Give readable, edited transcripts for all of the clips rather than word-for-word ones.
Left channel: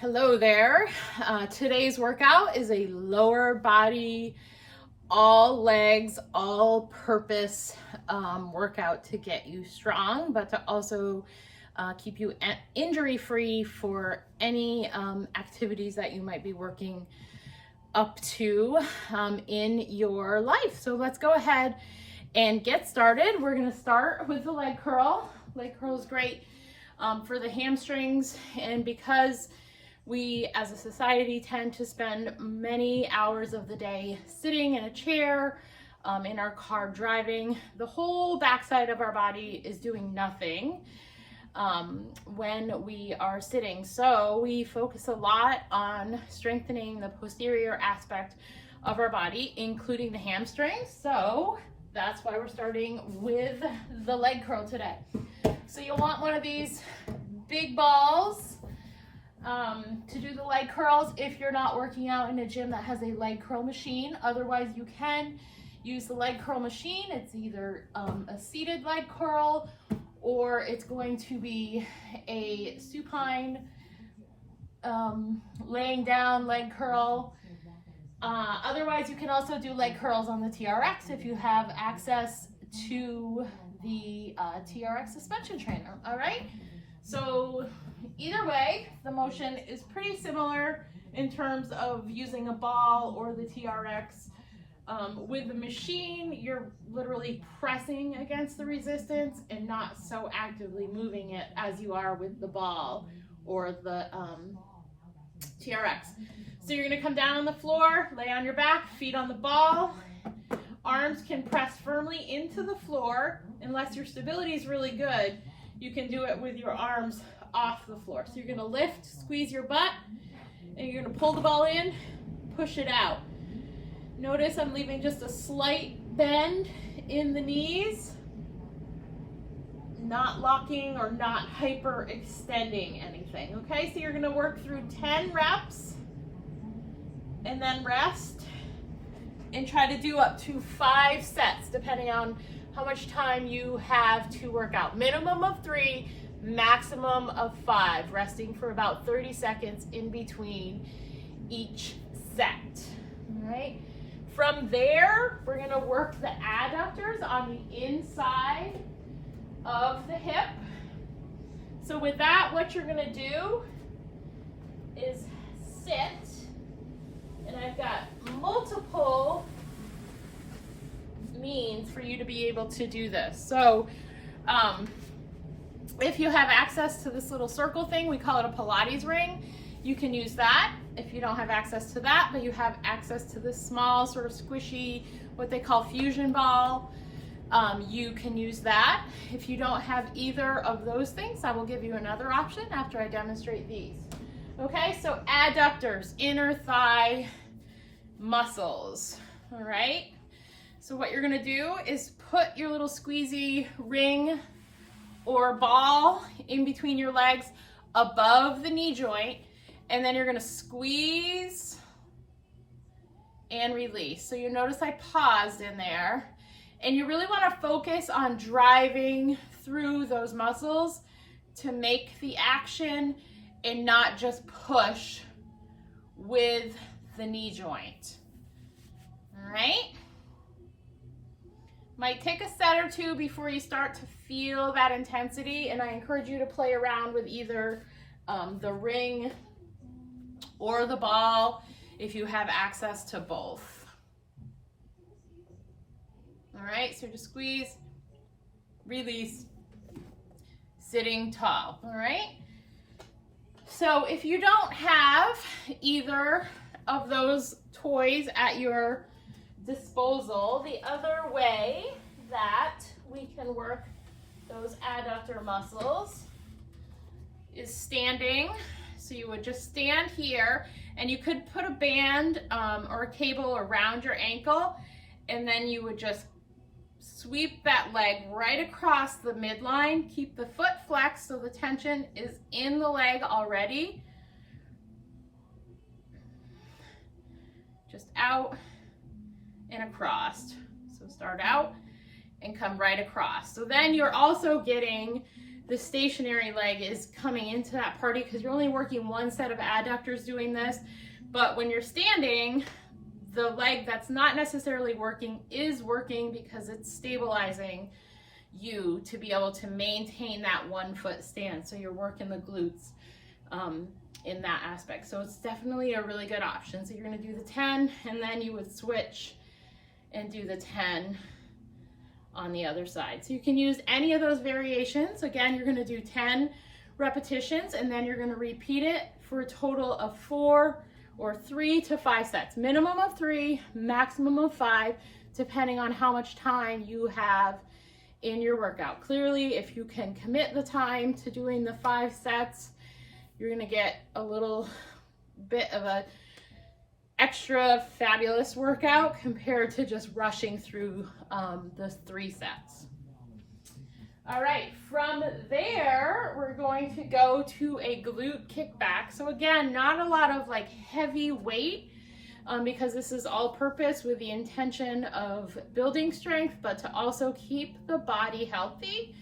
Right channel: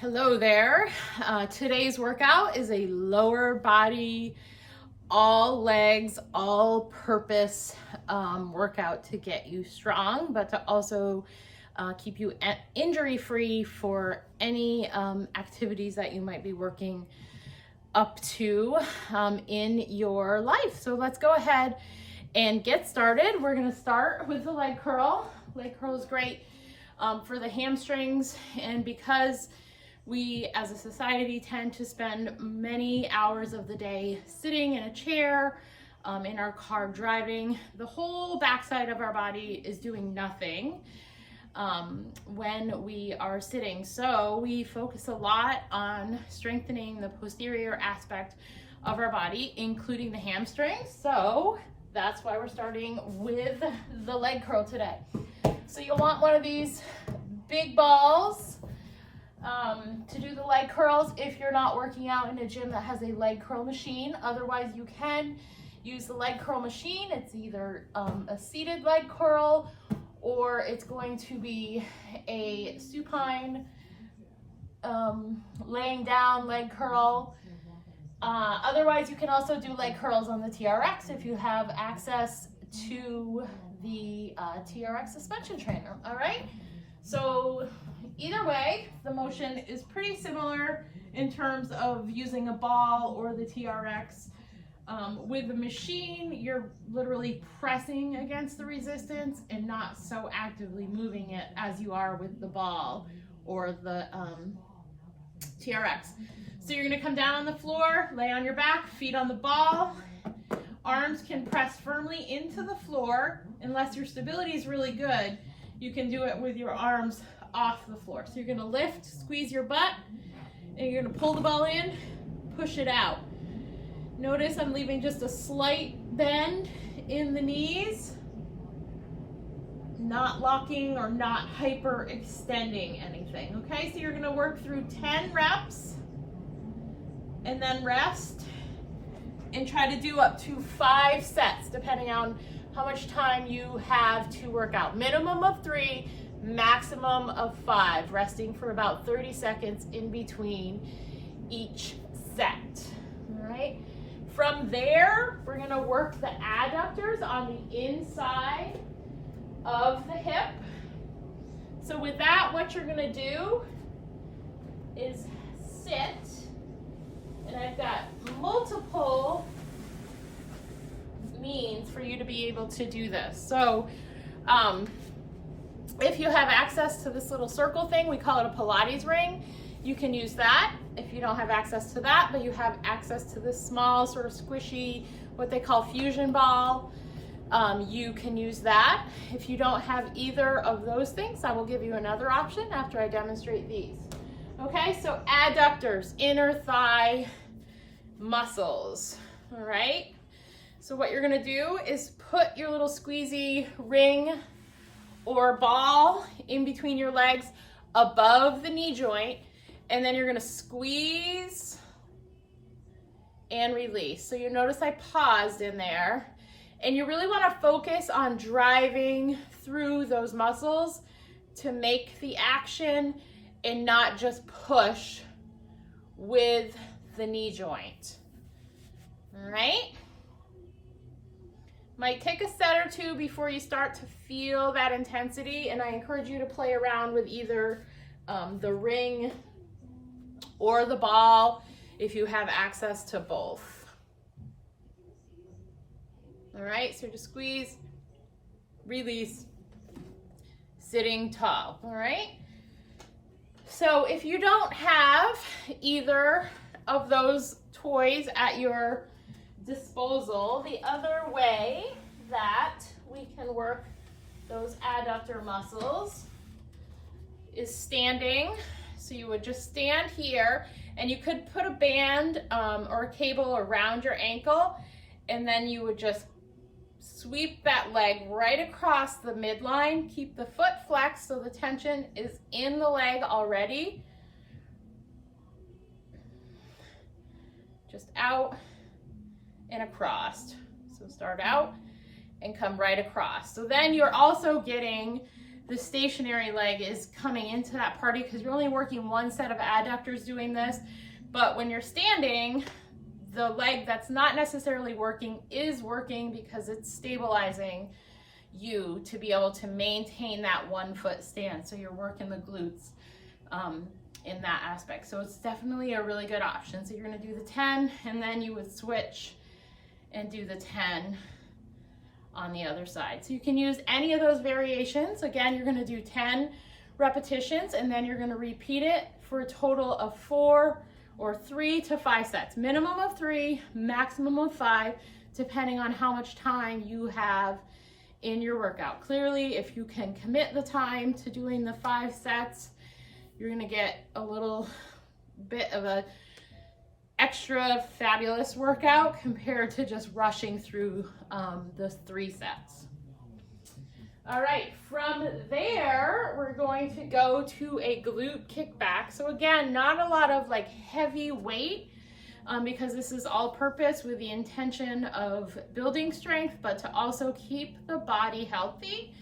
Hello there. Today's workout is a lower body, all legs, all purpose workout to get you strong, but to also keep you injury free for any activities that you might be working up to in your life. So let's go ahead and get started. We're going to start with the leg curl. Leg curl is great for the hamstrings, and because we as a society tend to spend many hours of the day sitting in a chair, in our car driving, the whole backside of our body is doing nothing when we are sitting. So we focus a lot on strengthening the posterior aspect of our body, including the hamstrings. So that's why we're starting with the leg curl today. So you'll want one of these big balls to do the leg curls if you're not working out in a gym that has a leg curl machine. Otherwise, you can use the leg curl machine. It's either a seated leg curl or it's going to be a supine laying down leg curl. Otherwise, you can also do leg curls on the TRX if you have access to the TRX suspension trainer. All right, so either way, the motion is pretty similar in terms of using a ball or the TRX. With the machine, you're literally pressing against the resistance and not so actively moving it as you are with the ball or the TRX. So you're gonna come down on the floor, lay on your back, feet on the ball. Arms can press firmly into the floor. Unless your stability is really good, you can do it with your arms off the floor. So you're gonna lift, squeeze your butt, and you're gonna pull the ball in, push it out. Notice I'm leaving just a slight bend in the knees, not locking or not hyper extending anything, okay? So you're gonna work through 10 reps and then rest and try to do up to 5 sets depending on how much time you have to work out. Minimum of 3, maximum of 5, resting for about 30 seconds in between each set, all right? From there, we're gonna work the adductors on the inside of the hip. So with that, what you're gonna do is sit, and I've got multiple means for you to be able to do this. So if you have access to this little circle thing, we call it a Pilates ring, you can use that. If you don't have access to that, but you have access to this small sort of squishy, what they call fusion ball, you can use that. If you don't have either of those things, I will give you another option after I demonstrate these. Okay, so adductors, inner thigh muscles, all right? So what you're gonna do is put your little squeezy ring or ball in between your legs above the knee joint, and then you're gonna squeeze and release. So you notice I paused in there, and you really wanna focus on driving through those muscles to make the action and not just push with the knee joint, all right? Might take a set or two before you start to feel that intensity, and I encourage you to play around with either the ring or the ball if you have access to both. All right, so just squeeze, release, sitting tall, all right? So if you don't have either of those toys at your disposal, the other way that we can work those adductor muscles is standing. So you would just stand here, and you could put a band or a cable around your ankle, and then you would just sweep that leg right across the midline. Keep the foot flexed so the tension is in the leg already. Just out and across. So start out and come right across. So then you're also getting the stationary leg is coming into that party because you're only working one set of adductors doing this. But when you're standing, the leg that's not necessarily working is working because it's stabilizing you to be able to maintain that 1 foot stance. So you're working the glutes in that aspect. So it's definitely a really good option. So you're gonna do the 10 and then you would switch and do the 10 on the other side. So you can use any of those variations. Again, you're gonna do 10 repetitions and then you're gonna repeat it for a total of 4 or 3 to 5 sets. Minimum of 3, maximum of 5, depending on how much time you have in your workout. Clearly, if you can commit the time to doing the 5 sets, you're gonna get a little bit of a extra fabulous workout compared to just rushing through the 3 sets. All right, from there, we're going to go to a glute kickback. So again, not a lot of like heavy weight because this is all purpose with the intention of building strength, but to also keep the body healthy.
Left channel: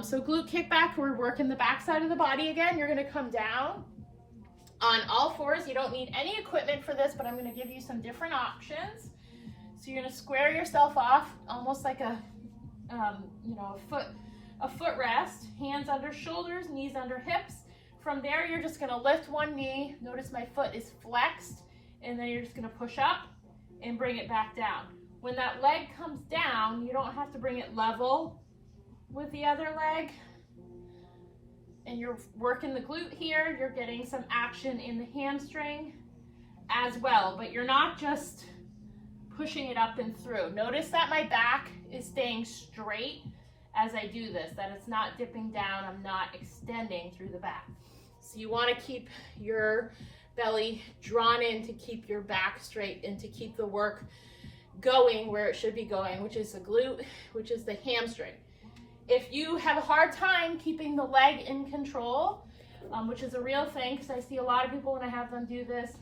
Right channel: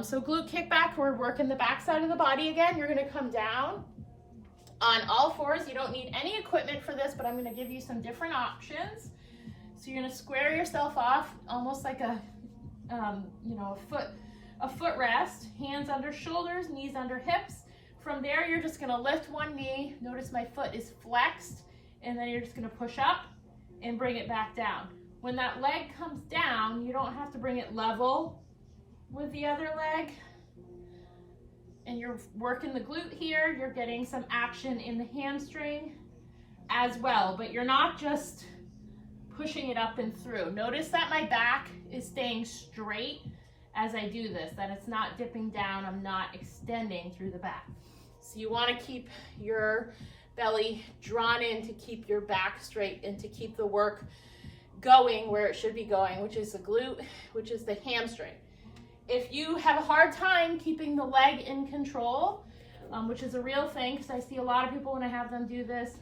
So glute kickback, we're working the back side of the body again. You're gonna come down on all fours. You don't need any equipment for this, but I'm gonna give you some different options. So you're gonna square yourself off, almost like a, you know, a foot rest, hands under shoulders, knees under hips. From there, you're just gonna lift one knee. Notice my foot is flexed, and then you're just gonna push up and bring it back down. When that leg comes down, you don't have to bring it level with the other leg. And you're working the glute here, you're getting some action in the hamstring as well, but you're not just pushing it up and through. Notice that my back is staying straight as I do this, that it's not dipping down, I'm not extending through the back. So you wanna keep your belly drawn in to keep your back straight and to keep the work going where it should be going, which is the glute, which is the hamstring. If you have a hard time keeping the leg in control, which is a real thing, because I see a lot of people when I have them do this,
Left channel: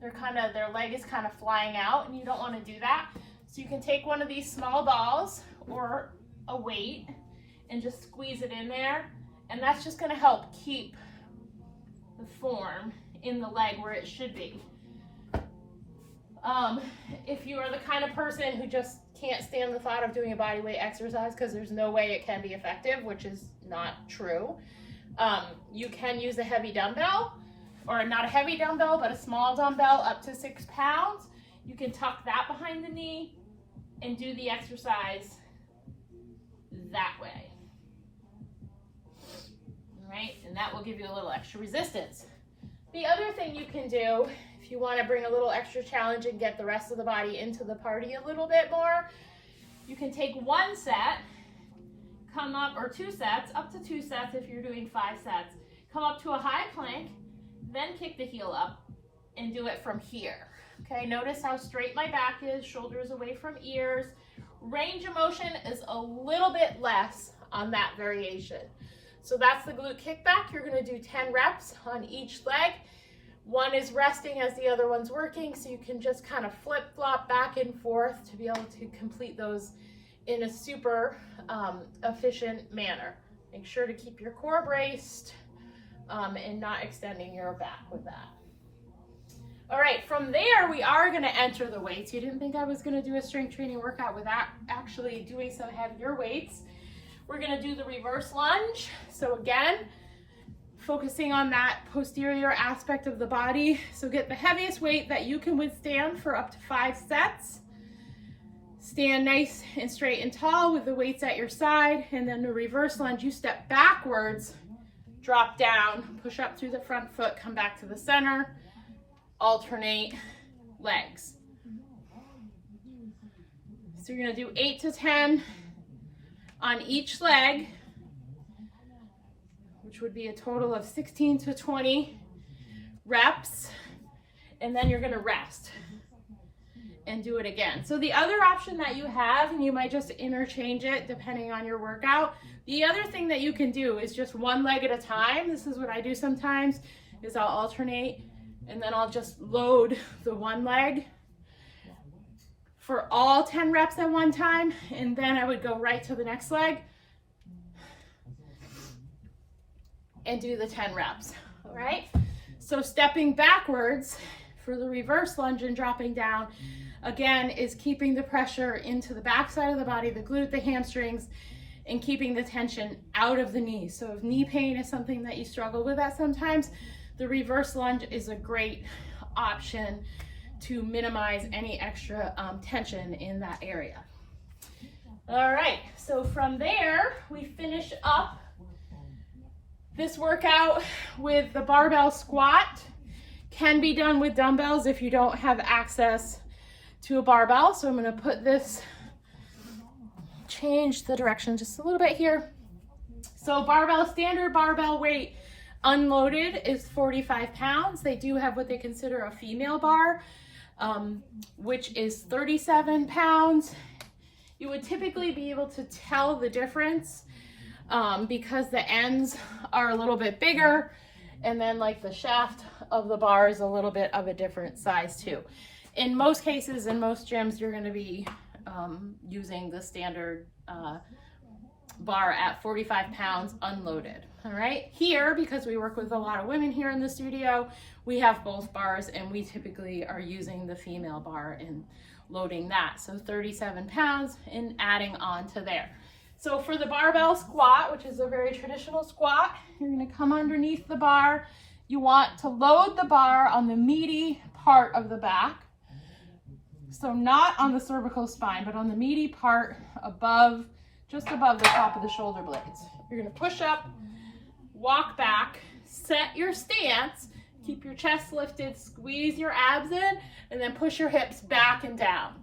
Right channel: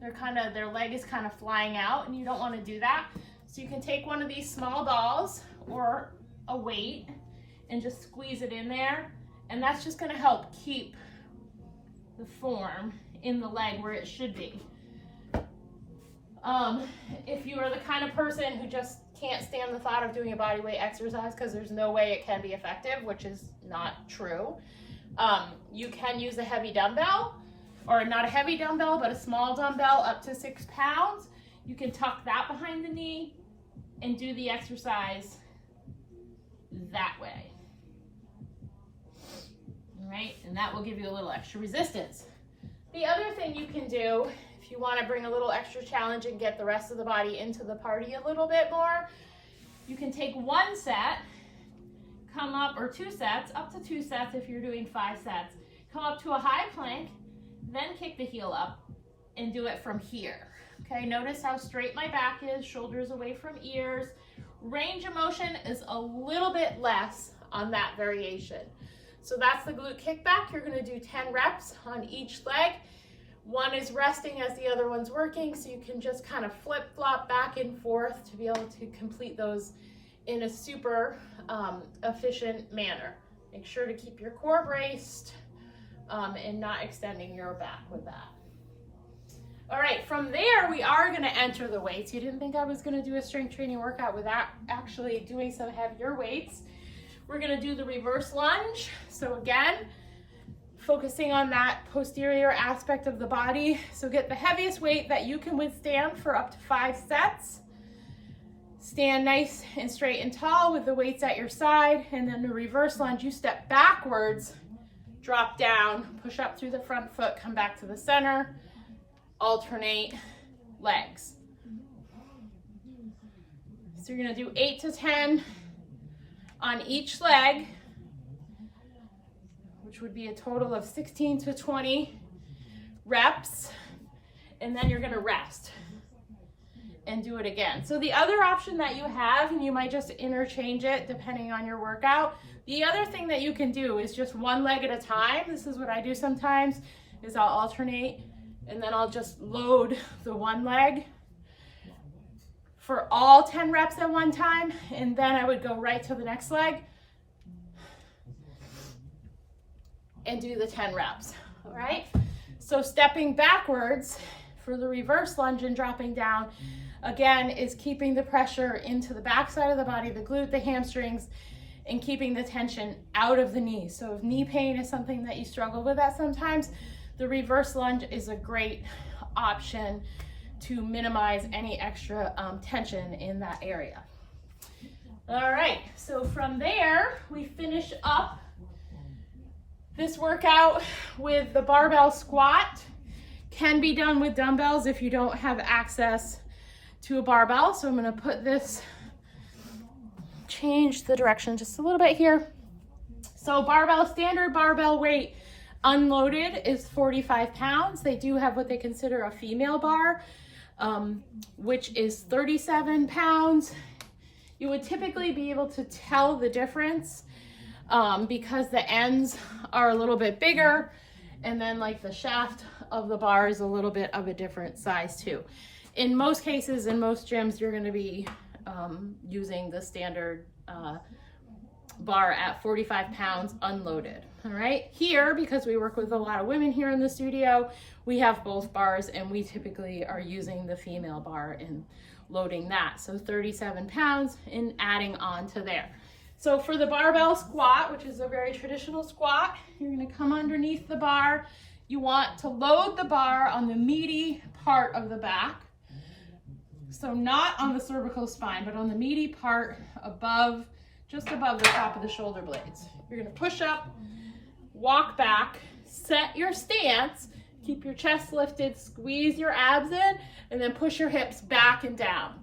their leg is kind of flying out, and you don't want to do that. So you can take one of these small balls or a weight and just squeeze it in there, and that's just going to help keep the form in the leg where it should be. If you are the kind of person who just can't stand the thought of doing a body weight exercise because there's no way it can be effective, which is not true, you can use a heavy dumbbell, or not a heavy dumbbell, but a small dumbbell up to 6 pounds. You can tuck that behind the knee and do the exercise that way. All right, and that will give you a little extra resistance. The other thing you can do, if you want to bring a little extra challenge and get the rest of the body into the party a little bit more, you can take 1 set, come up, or 2 sets, up to 2 sets if you're doing 5 sets, come up to a high plank, then kick the heel up and do it from here. Okay, notice how straight my back is, shoulders away from ears. Range of motion is a little bit less on that variation. So that's the glute kickback. You're gonna do 10 reps on each leg. One is resting as the other one's working, so you can just kind of flip-flop back and forth to be able to complete those in a super efficient manner. Make sure to keep your core braced and not extending your back with that. All right, from there, we are gonna enter the weights. You didn't think I was gonna do a strength training workout without actually doing some heavier weights. We're gonna do the reverse lunge. So again, focusing on that posterior aspect of the body. So get the heaviest weight that you can withstand for up to 5 sets. Stand nice and straight and tall with the weights at your side. And then the reverse lunge, you step backwards, drop down, push up through the front foot, come back to the center, alternate legs. So you're gonna do 8 to 10 on each leg, which would be a total of 16 to 20 reps, and then you're gonna rest and do it again. So the other option that you have, and you might just interchange it depending on your workout, the other thing that you can do is just 1 leg at a time. This is what I do sometimes, is I'll alternate, and then I'll just load the 1 leg for all 10 reps at one time, and then I would go right to the next leg and do the 10 reps, all right? So stepping backwards for the reverse lunge and dropping down, again, is keeping the pressure into the back side of the body, the glute, the hamstrings, and keeping the tension out of the knees. So if knee pain is something that you struggle with at sometimes, the reverse lunge is a great option to minimize any extra tension in that area. All right, so from there, we finish up this workout with the barbell squat. Can be done with dumbbells if you don't have access to a barbell. So I'm gonna put this, change the direction just a little bit here. So barbell, standard barbell weight unloaded is 45 pounds. They do have what they consider a female bar, which is 37 pounds. You would typically be able to tell the difference because the ends are a little bit bigger, and then like the shaft of the bar is a little bit of a different size too. In most cases, in most gyms, you're gonna be using the standard bar at 45 pounds unloaded, all right? Here, because we work with a lot of women here in the studio, we have both bars, and we typically are using the female bar and loading that. So 37 pounds and adding on to there. So for the barbell squat, which is a very traditional squat, you're gonna come underneath the bar. You want to load the bar on the meaty part of the back. So not on the cervical spine, but on the meaty part above, just above the top of the shoulder blades. You're gonna push up, walk back, set your stance, keep your chest lifted, squeeze your abs in, and then push your hips back and down.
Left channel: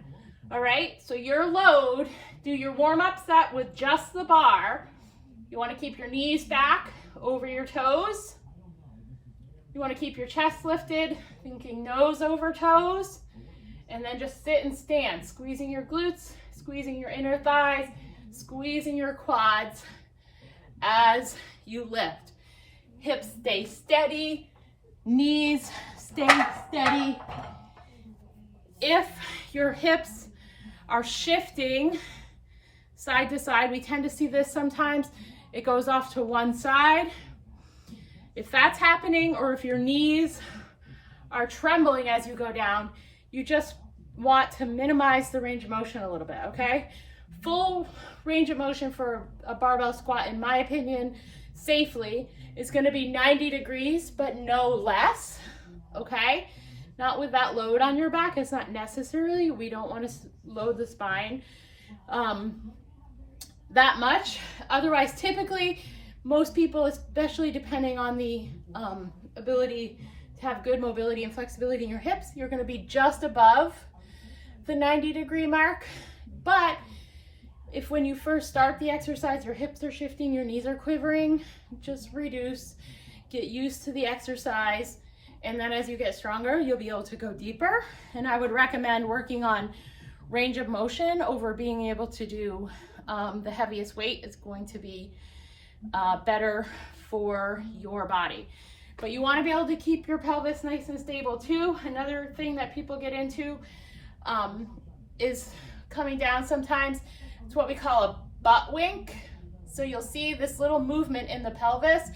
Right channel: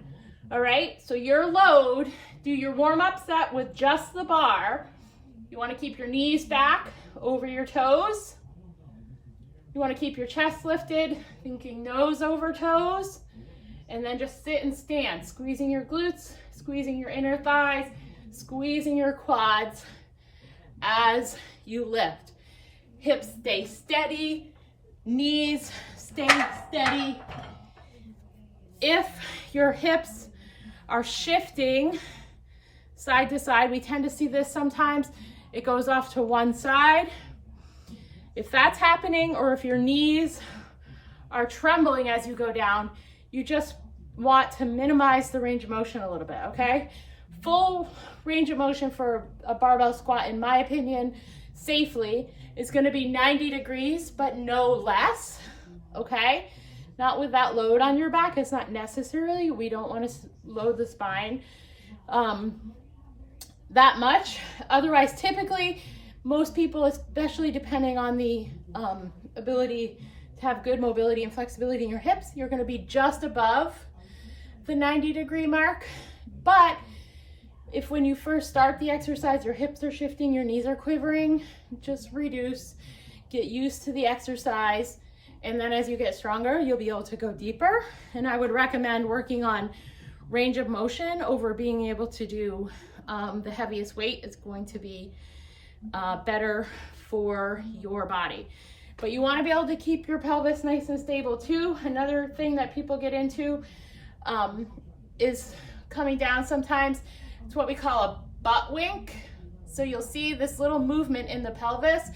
All right, so your load, do your warm-up set with just the bar. You wanna keep your knees back over your toes. You wanna keep your chest lifted, thinking nose over toes, and then just sit and stand, squeezing your glutes, squeezing your inner thighs, squeezing your quads as you lift. Hips stay steady, knees stay steady. If your hips are shifting side to side, we tend to see this sometimes, it goes off to one side. If that's happening, or if your knees are trembling as you go down, you just want to minimize the range of motion a little bit, okay? Full range of motion for a barbell squat, in my opinion, safely, is gonna be 90 degrees, but no less, okay? Not with that load on your back. It's not necessarily, we don't wanna load the spine that much. Otherwise, typically, most people, especially depending on the ability to have good mobility and flexibility in your hips, you're gonna be just above the 90-degree mark. But if when you first start the exercise, your hips are shifting, your knees are quivering, just reduce, get used to the exercise. And then as you get stronger, you'll be able to go deeper. And I would recommend working on range of motion over being able to do the heaviest weight. Is going to be better for your body. But you want to be able to keep your pelvis nice and stable too. Another thing that people get into is coming down sometimes. It's what we call a butt wink. So you'll see this little movement in the pelvis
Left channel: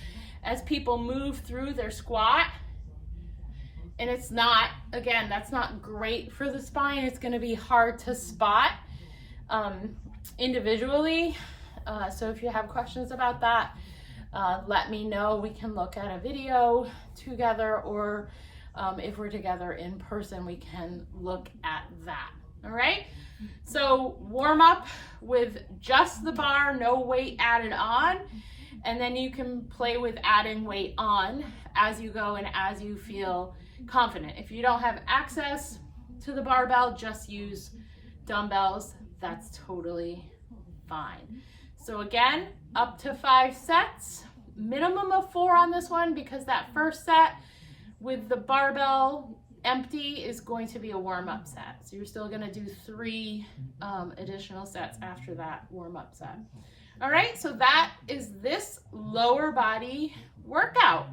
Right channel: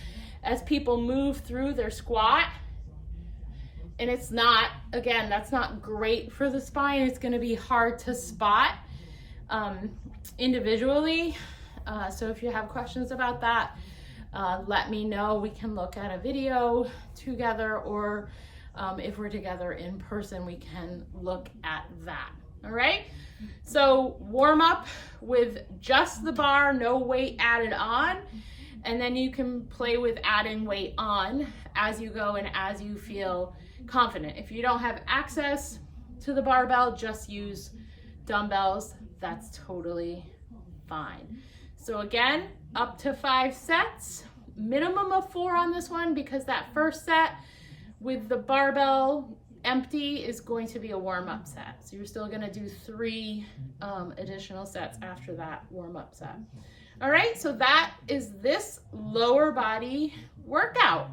as people move through their squat. And it's not, again, that's not great for the spine. It's gonna be hard to spot individually. So if you have questions about that, let me know. We can look at a video together, or if we're together in person, we can look at that. All right, so warm up with just the bar, no weight added on, and then you can play with adding weight on as you go and as you feel confident. If you don't have access to the barbell, just use dumbbells. That's totally fine. So again, up to 5 sets, minimum of 4 on this one, because that first set with the barbell empty is going to be a warm-up set. So you're still gonna do 3 additional sets after that warm-up set. All right, so that is this lower body workout.